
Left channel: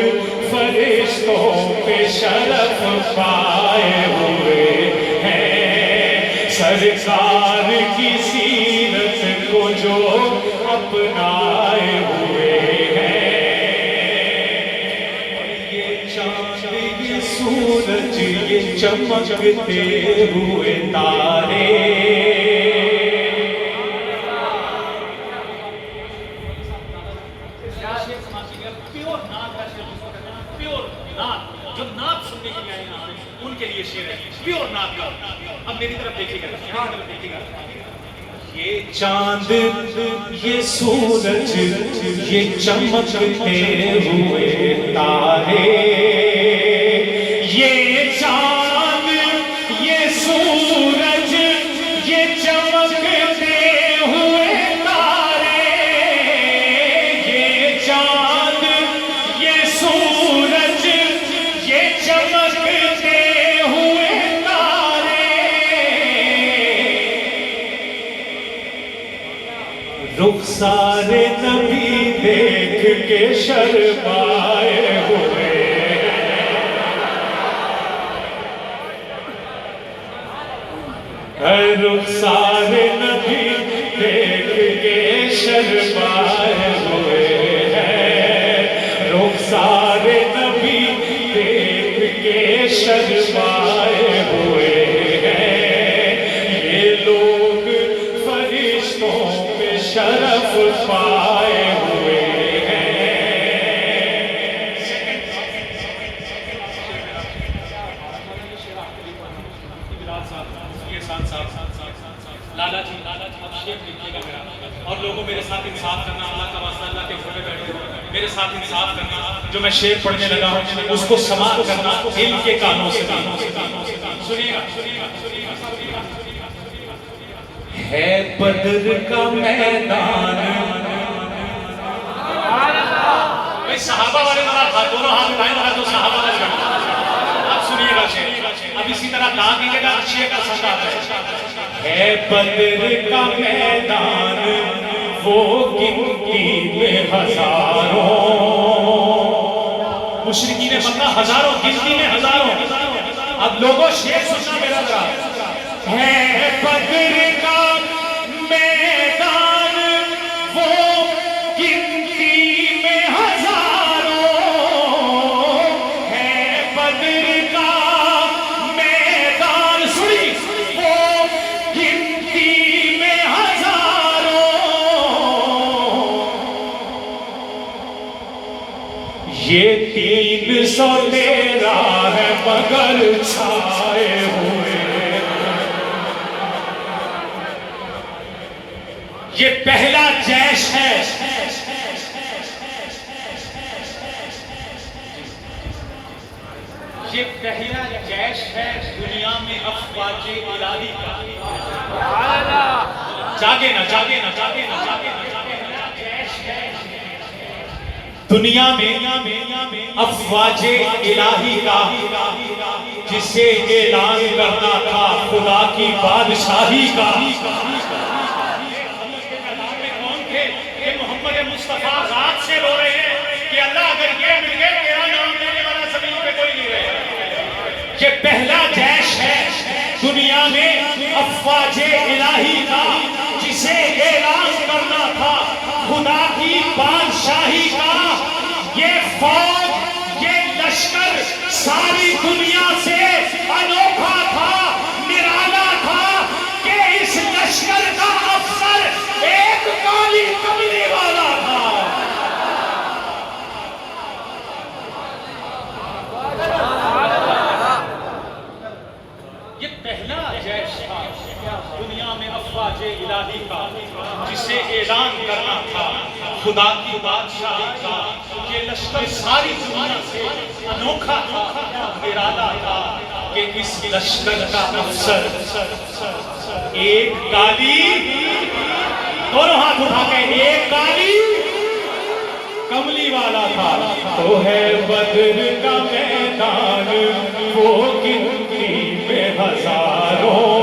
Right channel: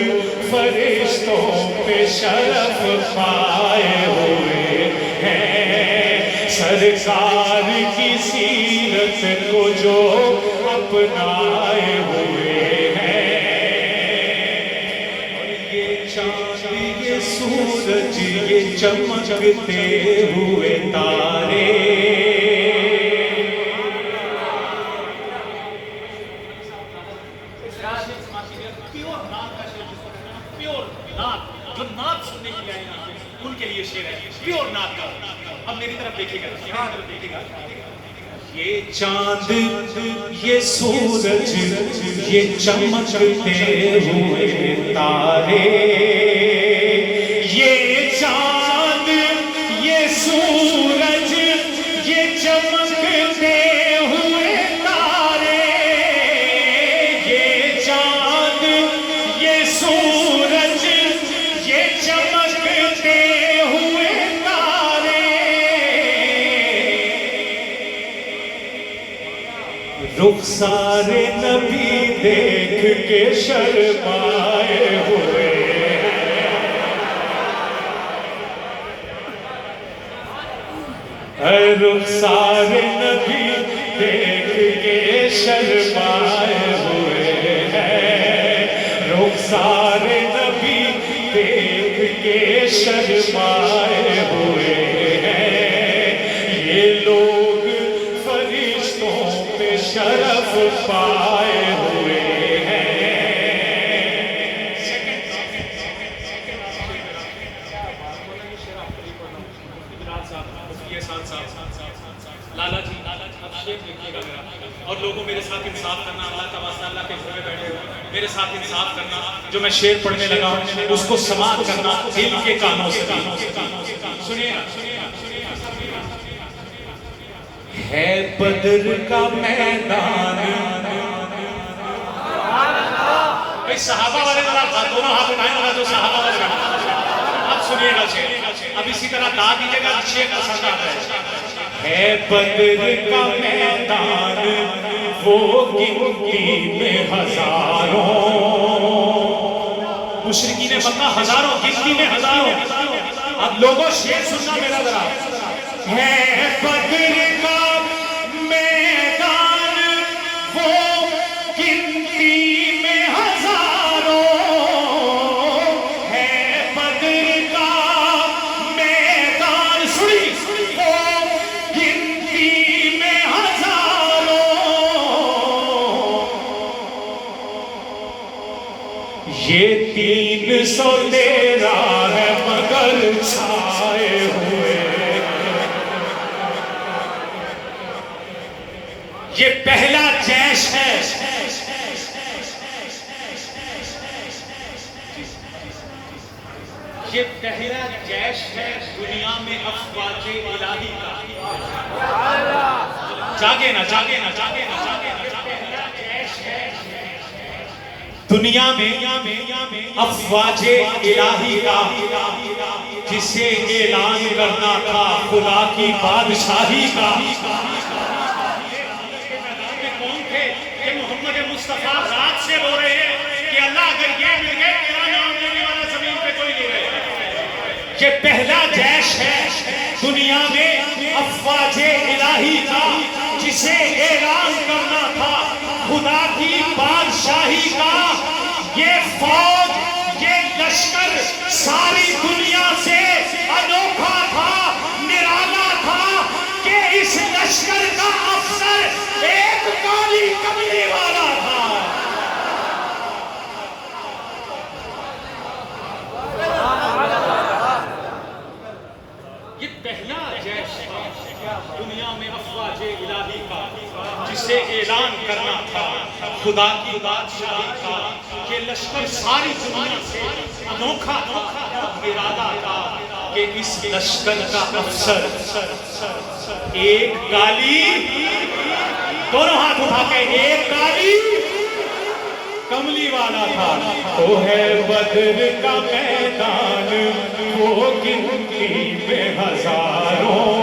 فرشتوں پہ شرف پائے ہوئے ہیں، سرکار کی سیرت کو جو اپنائے ہوئے ہیں۔ یہ چاند، یہ سورج، یہ چمکتے ہوئے تارے، پیور نعت کا شعر جس کو کہتے ہیں، پیور نعت، جو نعت سننے کے لیے آئے یہاں پہ ان کے لیے شعر ہے، پیور نعت کا۔ اب میری طرف دیکھیے گا، میری طرف دیکھیے گا۔ یہ چاند، یہ سورج، یہ چمکتے ہوئے تارے، یہ چاند، یہ سورج، یہ چمکتے ہوئے تارے، یہ چاند، یہ سورج، یہ چمکتے ہوئے تارے، رخسار نبی دیکھ کے شرمائے ہوئے، رخسار نبی دیکھ کے شرمائے ہوئے شرمائے ہوئے ہیں، یہ لوگ فرشتوں پہ شرف پائے ہوئے ہیں۔ لالا جی اب شیپ لکھیے گا میرا، اور لوگوں میرے ساتھ انصاف کرنا، اللہ کا واسطہ، اللہ کے گھر میں بیٹھے ہو میرے ساتھ انصاف کرنا، جو میں شعر پڑھنے لگا ہوں اس کو سماعت کرنا دل کے کانوں سے۔ سنیے ہے بدر کا میدان، بھائی صحابہ والے دونوں ہاتھ اٹھائیں ذرا، جو صحابہ والے آپ سنیے گا شعر، اب اسی طرح گا دیجیے گا، شعر پسند آتا ہے بدر کا میدان وہ گنتی میں ہزاروں، مشرکین مکہ ہزاروں، گنتی میں ہزاروں۔ اب لوگوں شعر سننا میرا ذرا، ہے بدر کا میدان وہ گنتی میں ہزاروں، ہے بدر کا میدان سنی وہ گنتی میں ہزاروں، یہ 313 ہے مگر چھائے ہوئے، یہ پہلا جیش ہے، یہ پہلا جیش ہے دنیا میں افواج الہی کا۔ جاگے نا جاگے نا جاگے نا جاگے نا، یہ پہلا جیش ہے دنیا میں افواج الہی کا، جسے اعلان کرنا تھا خدا کی بادشاہی کا۔ محمد مصطفیٰ رات سے رو رہے ہیں کہ اللہ اگر یہ مل گئے تیرا نام لینے والا زمین پہ کوئی نہیں رہے۔ یہ پہلا جیش ہے دنیا میں افواج الہی کا، جسے اعلان کرنا تھا خدا کی بادشاہی کا۔ یہ فوج، یہ لشکر ساری دنیا سے انوکھا تھا، نرالا تھا کہ اس لشکر کا افسر ایک کالی کملی والا تھا۔ یہ پہلا جیش تھا دنیا میں افواج الہی کا، جسے اعلان کرنا تھا خدا کی بادشاہی کا۔ یہ لشکر ساری دنیا سے انوکھا تھا، نرالا تھا کہ اس لشکر کا افسر ایک کالی، دونوں ہاتھ اٹھا کے، ایک کالی کملی والا تھا۔ تو ہے بدر کا میدان وہ گنتی میں ہزاروں،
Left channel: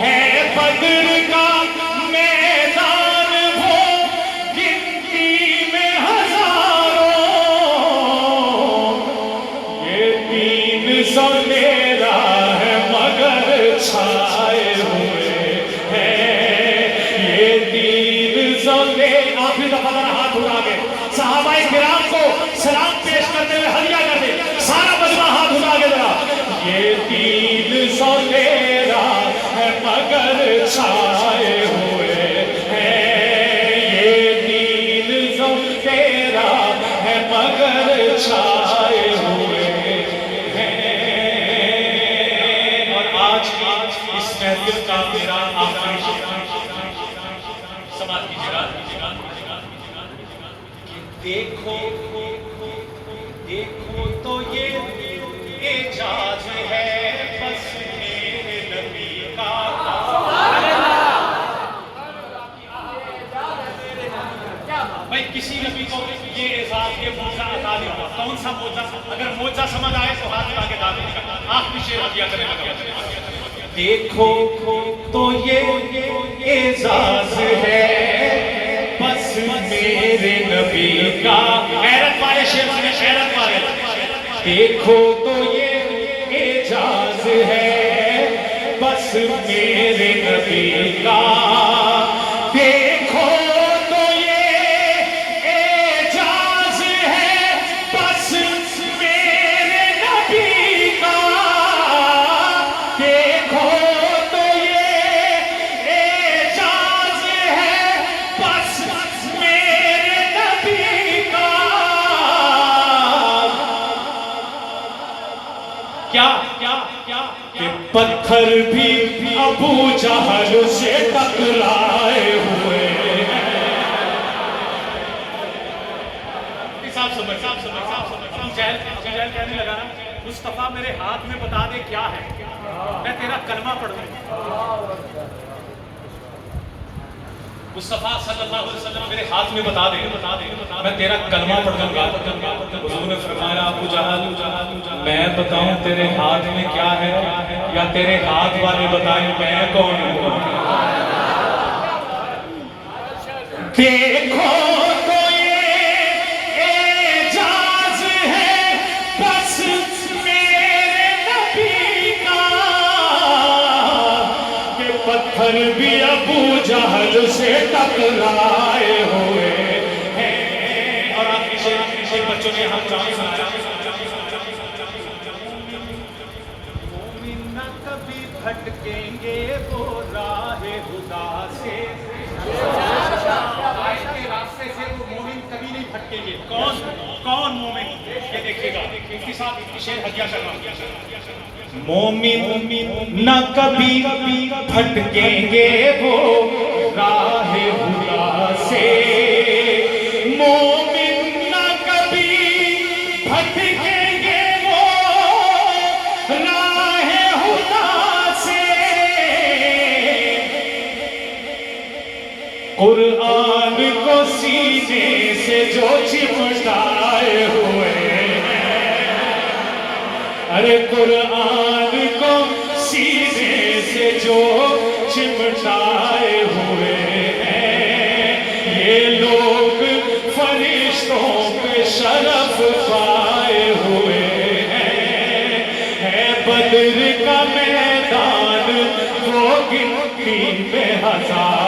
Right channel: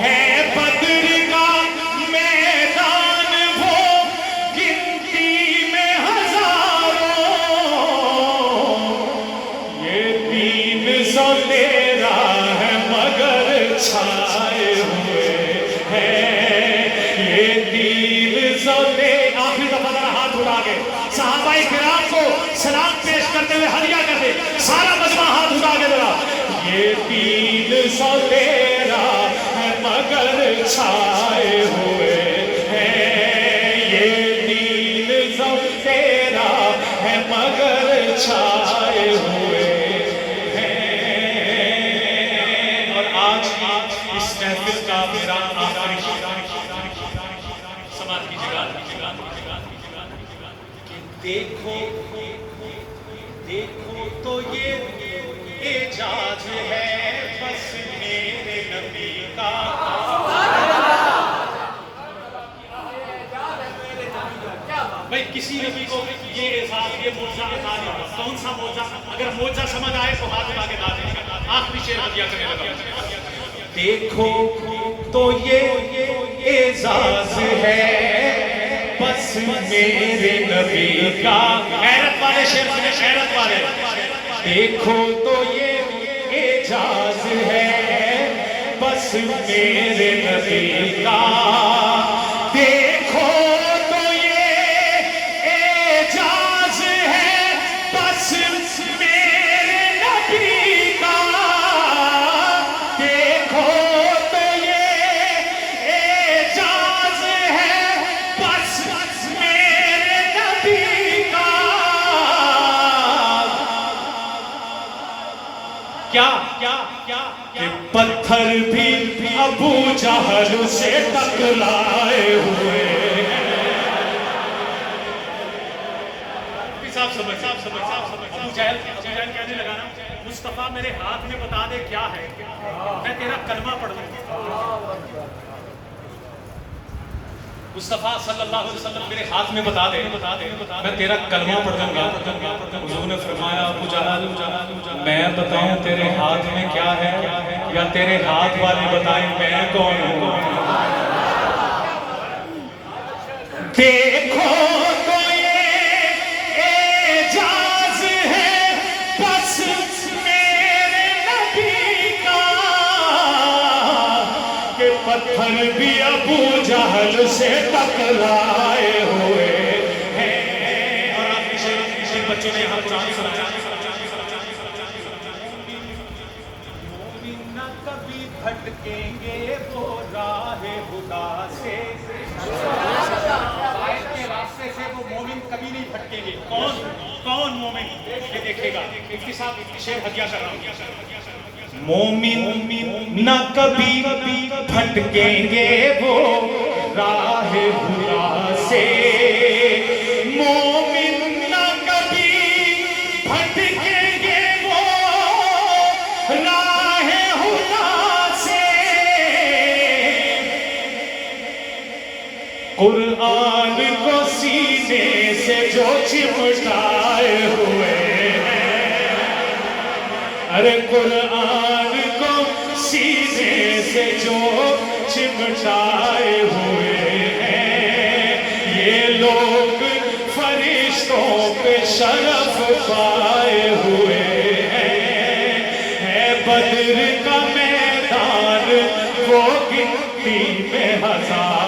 ہے بدر کا میدان وہ گنتی میں ہزاروں، یہ 313 ہے مگر چھائے ہوئے ہیں، یہ 313۔ آپ بھی دفعہ ذرا ہاتھ اٹھا کے صحابہ کرام کو سلام پیش کرتے ہوئے ہدیہ کر دے، سارا مجمع ہاتھ اٹھا کے ذرا۔ یہ 313 ہے مگر چھائے ہوئے ہیں، یہ 313 ہے مگر چھائے ہوئے ہیں۔ اور آج اس محفل کا میرا آخری سماعت کیجیے گا کہ دیکھو دیکھو تو یہ اعجاز ہے بس میرے نبی کا۔ بھائی کسی نبی کو یہ اعزاز، یہ معجزہ عطا نہیں ہوا۔ کون سا معجزہ؟ اگر معجزہ سمجھ آئے تو ہاتھ اٹھا کے داد دیجیے گا۔ آخری شعر ہدیہ کرنے لگا، دیکھو تو یہ اعزاز ہے بس میرے نبی کا۔ غیرت والے شعر سنے، غیرت والے۔ دیکھو تو یہ اعجاز ہے بس میرے نبی کا، دیکھو تو یہ اعجاز ہے بس میرے نبی پتھر بھی ابو جہل سے ٹکرائے ہوئے ہیں۔ ابو جہل کہنے لگا نا مصطفیٰ میرے ہاتھ میں بتا دے کیا ہے، میں تیرا کلمہ پڑھ دوں۔ مصطفیٰ صلی اللہ علیہ وسلم میرے ہاتھ میں بتا دے میں تیرا کلمہ پڑھ دوں گا۔ حضور نے فرمایا ابو جہل میں بتاؤں تیرے ہاتھ میں کیا ہے یا تیرے ہاتھ والے بتائیں میں کون ہوں؟ دیکھو تو یہ اعجاز ہے بس میرے نبی کا کہ پتھر بھی ابو جہل سے ٹکرائے ہوئے ہیں۔ اور آپ پیچھے بچوں نے ہم مومن نہ کبھی بھٹکیں گے وہ راہ خدا سے، ہدایت کے راستے سے وہ مومن کبھی نہیں بھٹکیں گے۔ کون مومن؟ یہ دیکھے گا اس کے ساتھ شعر ہدیہ کر رہا ہوں۔ مومن نہ کبھی بھٹکیں گے وہ راہ خدا سے، مومن نہ کبھی بھٹکیں گے وہ راہ خدا سے۔ قرآن کو سینے سے جو چمٹائے ہوئے ہیں، ارے قرآن کو سینے سے جو چمٹائے ہوئے ہیں، یہ لوگ فرشتوں پہ شرف پائے ہوئے ہیں۔ ہے بدر کا میدان وہ گنتی میں ہزار